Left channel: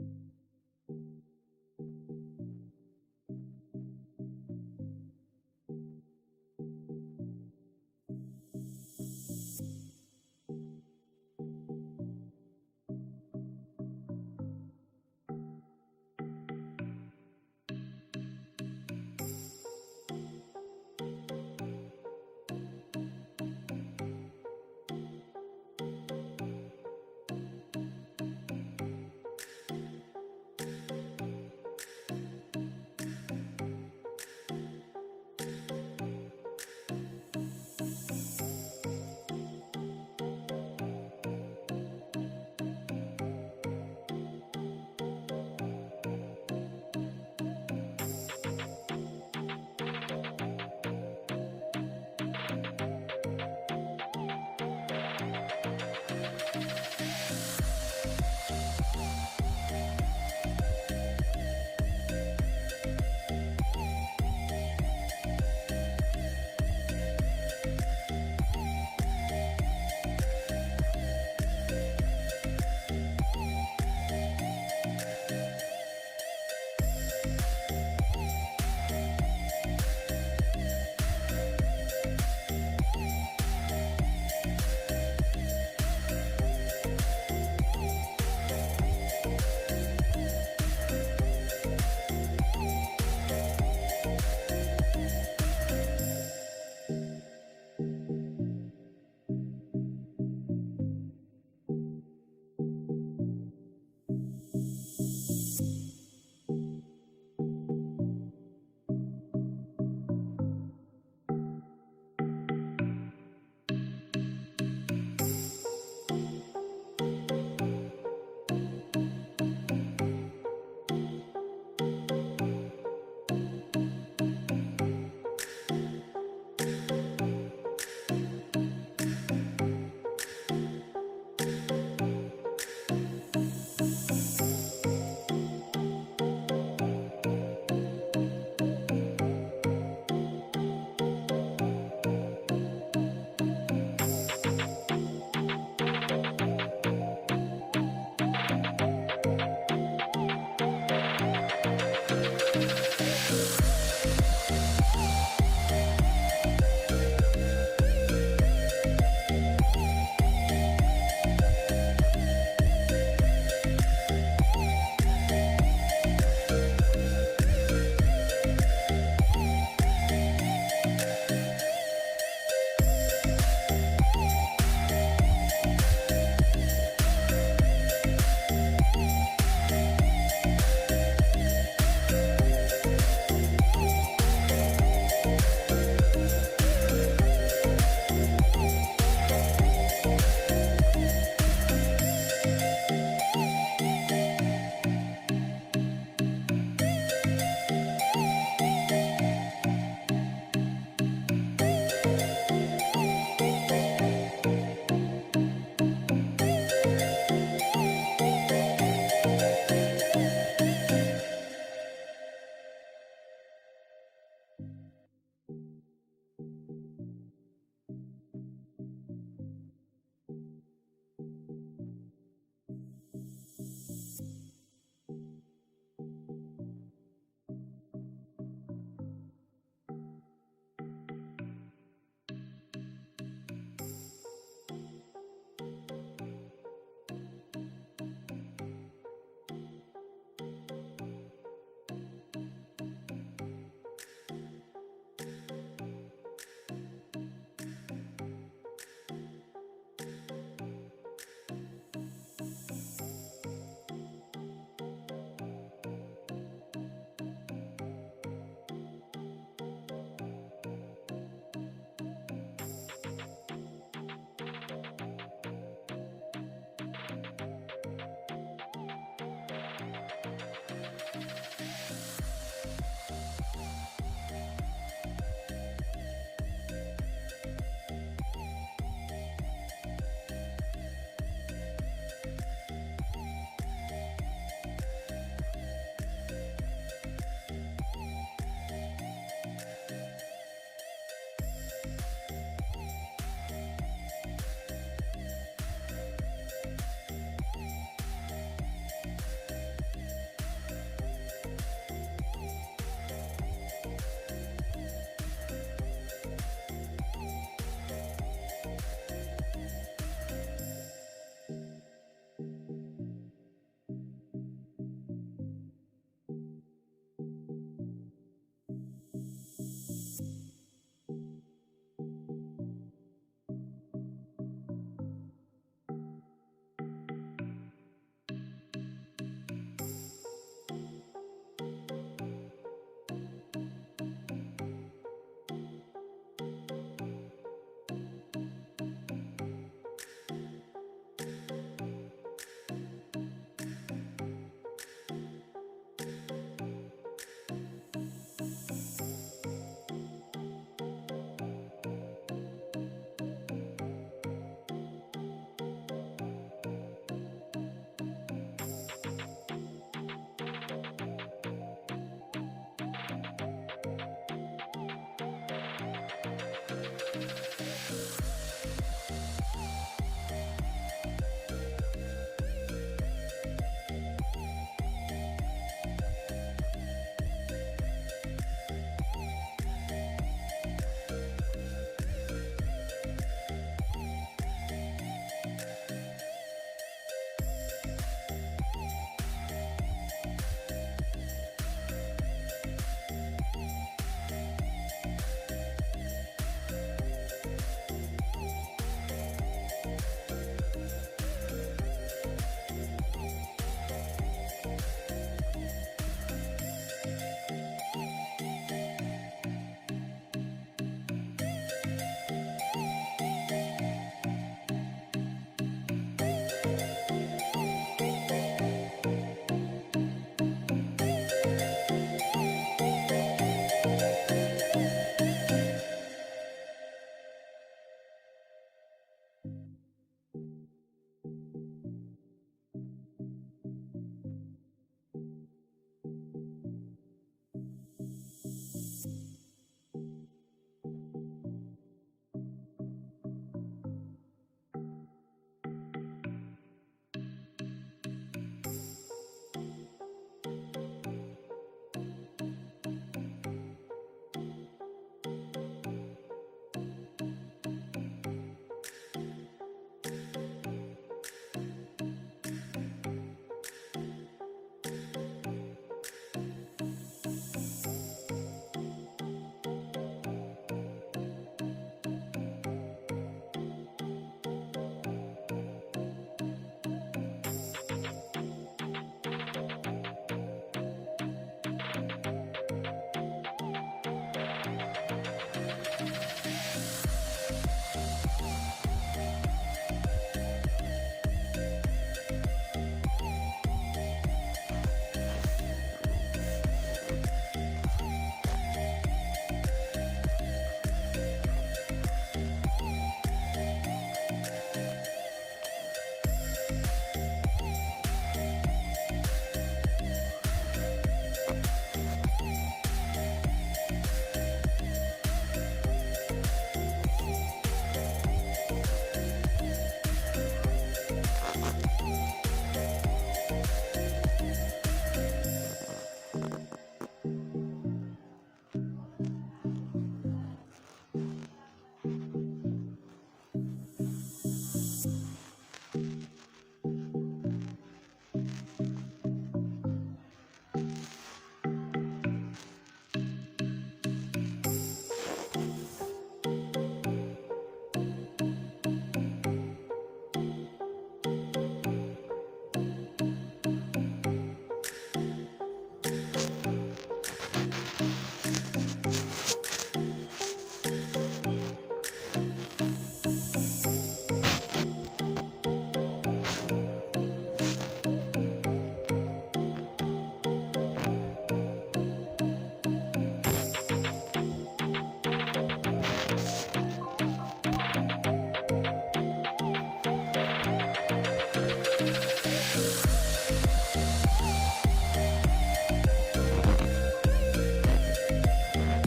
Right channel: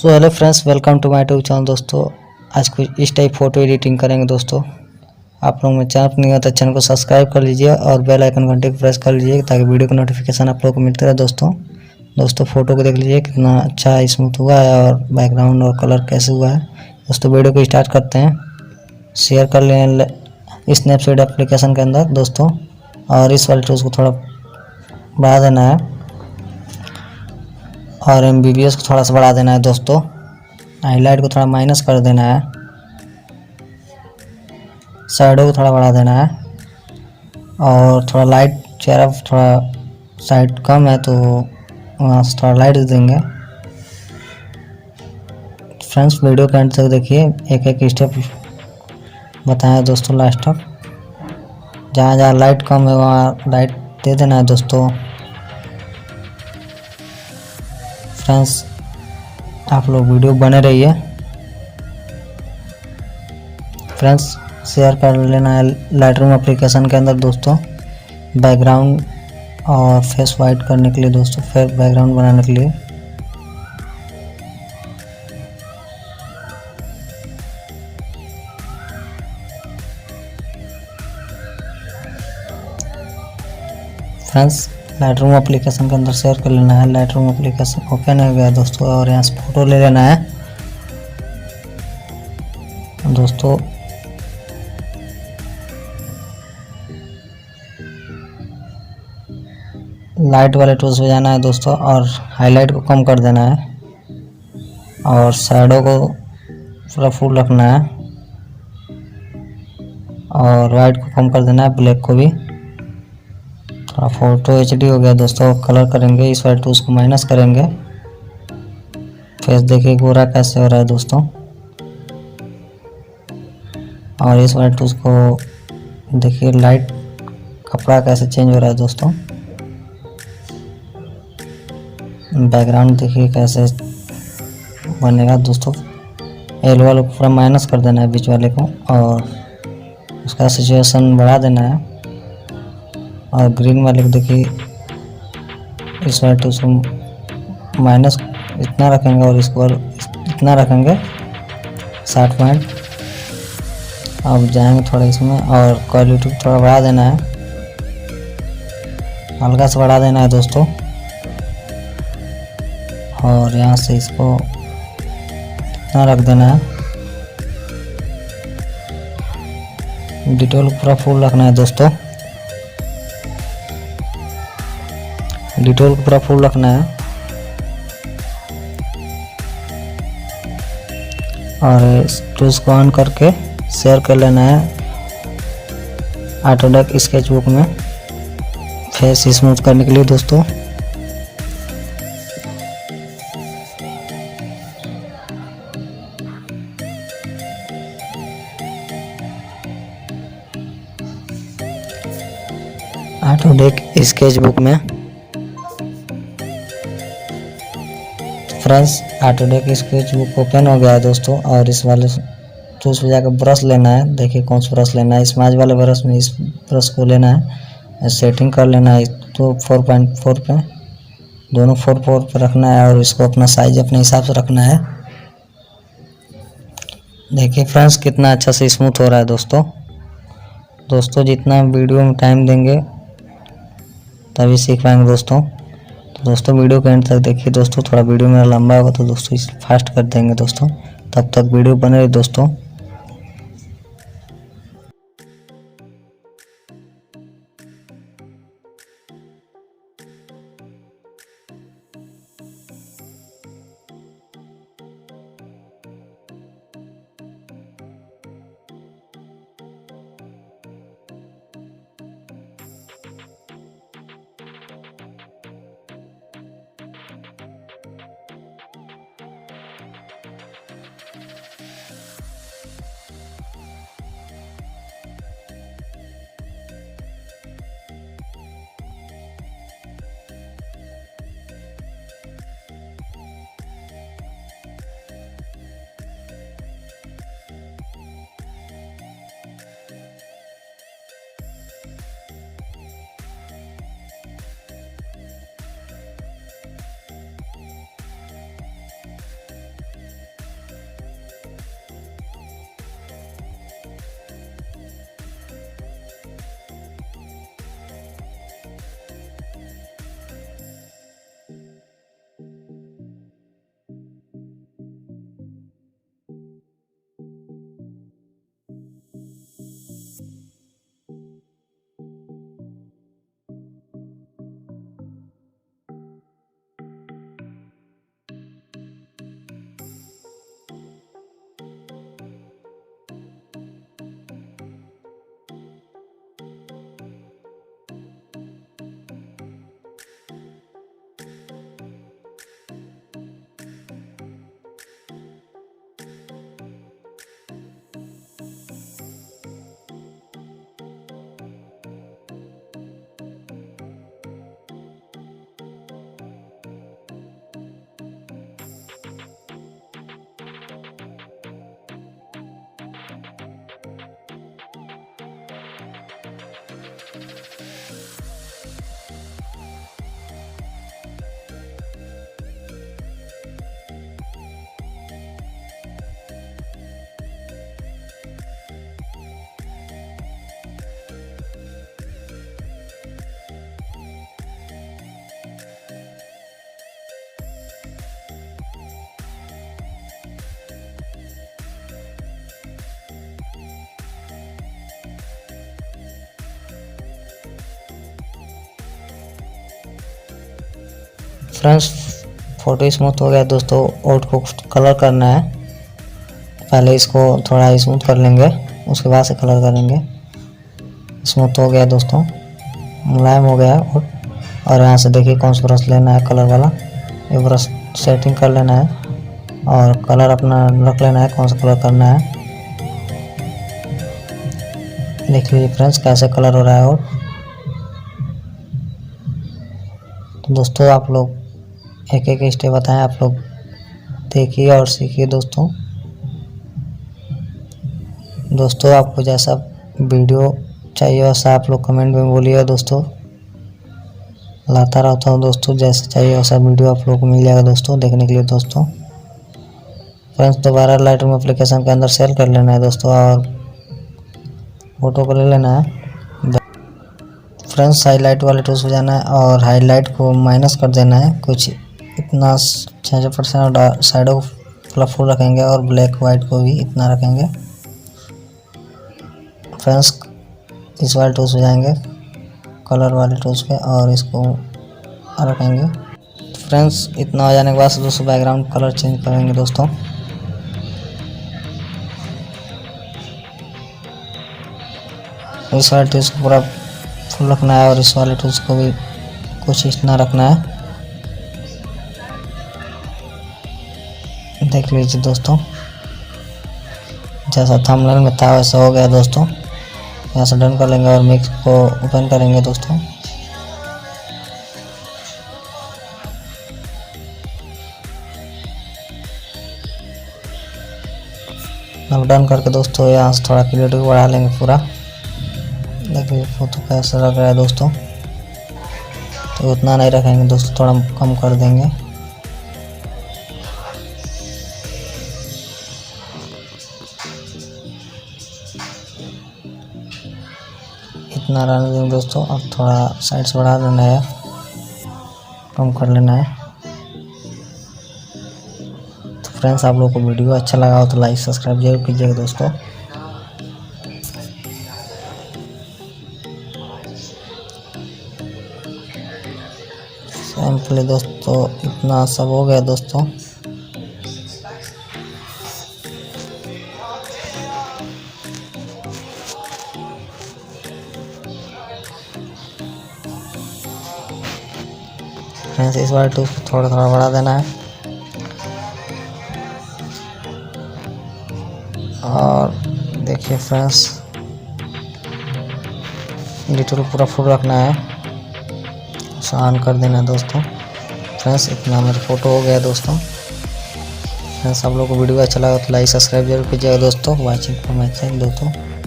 So hello friends, welcome to my YouTube channel. दोस्तों आज कुछ इस टाइप फ़ोटो एडिटिंग करेंगे। दोस्तों आप लोग में चैनल पर नहीं होता चैनल को सब्सक्राइब कर लीजिए और बेल आइकन घंटे को प्रेस कर लीजिए ताकि वीडियो का नोटिफिकेशन आप लोग को मिलता रहे। दोस्तों फ़ोटो को देख लीजिए कितना अच्छा स्मूथ हुआ है और बैकग्राउंड और कलर कैसे हुआ है। दोस्तों वीडियो को स्टार्ट करते हैं। शेयर कर लें स्नैपचैट एप्लीकेशन के अंदर दोस्तों, और इस वाले टूल्स को थोड़ा बढ़ा देना है और एमबीबीएस को थोड़ा सा बढ़ा देना है। दोस्तों हाईलाइट को थोड़ा माइनस कर देना है, शैडो को थोड़ा बढ़ा देना है और थोड़ा लाइट चेहरा थोड़ा साइड कम है तो वहाँ से थोड़ा लाइट देंगे। फ्रेंड्स वीडियो के एंड तक देखिए, एक एक स्टेप बताएं दोस्तों लास्ट तक। जहाँ जहाँ लाइट कम है वहाँ लाइट दे देना है। दोस्तों फ्रेंड्स आप लोग वीडियो बने रहिए। फ्रेंड्स शेयर कर लेना है लाइटरूम एप्लीकेशन के अंदर दोस्तों, बैकग्राउंड और फेस वाइट करने के लिए दोस्तों, फेस बैकग्राउंड बनाने के लिए। फ्रेंड्स लाइटरूम एप्लीकेशन के अंदर शेयर कर लेना है। लाइटरूम एप्लीकेशन ओपन हो गया दोस्तों और यहाँ से फ़ोटो ले लेना है। दोस्तों लाइट वाले टूल्स पे जाना है दोस्तों और हाईलाइट को कम कर देना है और शैडो को पूरा फुल रखना है और वाइट को कम कर देना है, ब्लैक को भी। थोड़ा फोटो एचडी हो गया दोस्तों। कलर करेंगे, इस वाले टूल्स को माइनस करेंगे। फेस देखिए गोरा कैसे हो रहा है दोस्तों, और इस वाले टूल्स को देखिए लाइट कपड़ा कैसे चेंज हो रहा है दोस्तों। बैकग्राउंड देखिए कैसे बनेगा दोस्तों। एल वाले को पूरा माइनस कर देना है, बीच वाले को, और उसका सिचुएशन बढ़ा देना है। और ग्रीन वाले को देखिए इस वाले टूल्स को माइनस इतना रखेंगे और इसको इतना रखेंगे 60 पॉइंट। अब जाएंगे थोड़ा इसमें और क्वालिटी थोड़ा बढ़ा देना है, हल्का से बढ़ा देना है दोस्तों। और यहाँ से इसको इतना रख देना है। डिटेल पूरा फुल रखना है दोस्तों, डिटेल को पूरा फुल रखना है। और इस टूल्स को ऑन करके शेयर कर लेना है ऑटोडेस्क स्केचबुक में फेस स्मूथ करने के लिए दोस्तों। ऑटोडेस्क स्केचबुक में फ्रेंड्स ऑटोडेस्क स्केचबुक ओपन हो गया है दोस्तों। और इस वाले टूल्स पे जाकर ब्रश लेना है। देखिए कौन सा ब्रश लेना है, स्माज वाले ब्रश में इस ब्रश को लेना है। सेटिंग कर लेना है तो 4.4 पे, दोनों 4.4 पे रखना है और इसको अपना साइज अपने हिसाब से रखना है। देखिए फ्रेंड्स कितना अच्छा से स्मूथ हो रहा है दोस्तों जितना वीडियो में टाइम देंगे तभी सीख पाएंगे दोस्तों वीडियो के एंड तक देखिए दोस्तों। थोड़ा वीडियो मेरा लंबा होगा तो दोस्तों इसे फास्ट कर देंगे दोस्तों। तब तक वीडियो बने रहे दोस्तों। फ्रेंड्स फोटो स्मूथ हो गया दोस्तों, और को कलर करना है। पहले इसको थोड़ा स्मूथ कर लेंगे, उसके बाद से कलर करेंगे। स्मूथ हो गया दोस्तों, मुलायम हो गया। और यहाँ से देखिए कौन सा ब्रश लेना है कलर वाला, ये ब्रश सेटिंग कर लेना है और कलर अपना रख लेना है कौन सा कलर करना है। देख लीजिए फ्रेंड्स कैसे कलर हो रहा है। और तो दोस्तों आप लोग एक एक स्टेप बताएं, आप लोग देखिए और सीखिए दोस्तों। दोस्तों आपको जैसा वीडियो चाहिए वैसा आप लोग कमेंट में बोलिए दोस्तों, लाता रहता हूँ दोस्तों। जैसा चाहिए वैसा वीडियो आप लोग को मिल जाएगा दोस्तों देखने के लिए दोस्तों। फ्रेंड्स दोबारा लाइटरूम एप्लीकेशन के अंदर सेल कर लेना है दोस्तों और फोटो को ले लेना है। फ्रेंड्स हाईलाइट वाले टूल्स पे जाना है और हाईलाइट को माइनस कर देना है, कुछ इतना 66% और साइडों को कलरफुल रखेंगे और ब्लैक वाइट को भी इतना रखेंगे। फ्रेंड्स इस वाले टूल्स पे जाएंगे, कलर वाले टूल्स पे, और इसको रखेंगे। फ्रेंड्स इतना हो जाने के बाद दोस्तों बैकग्राउंड कलर चेंज करेंगे दोस्तों। इस वाले टूल्स को पूरा फुल रखना है और इस वाले टूल्स को भी कुछ इतना रखना है। देख लीजिए दोस्तों जैसा थंबनेल में था वैसा हो गया दोस्तों। यहाँ से डन कर लेंगे और मिक्स को ओपन करेंगे दोस्तों। अब डन करके दोस्तों यहाँ से थोड़ा क्लियरिटी बढ़ा लेंगे पूरा। देखिए फोटो कैसा लग रहा है दोस्तों, तो उतना नहीं रखेंगे दोस्तों, थोड़ा कम कर देंगे। इतना रहने देंगे दोस्तों। अब थोड़ा साइड से बढ़ा देना है, कम कर लेना है। तो फ्रेंड्स आप लोगों को वीडियो अच्छा लगा हो तो लाइक सब्सक्राइब जरूर कीजिएगा दोस्तों। सिंपली दोस्तों इतना सब हो गया दोस्तों। फ्रेंड्स इस बार टूल थोड़ा थोड़ा बढ़ा देना है और देखिए फ्रेंड्स डिटेल पूरा फुल रखना है, ऑन कर देना है दोस्तों। फ्रेंड्स इतना मेरा फोटो हो गया दोस्तों। फ्रेंड्स आप लोग को वीडियो अच्छा लगा तो लाइक सब्सक्राइब जरूर कीजिएगा दोस्तों। वाचिंग फॉर माय चैनल दोस्तों।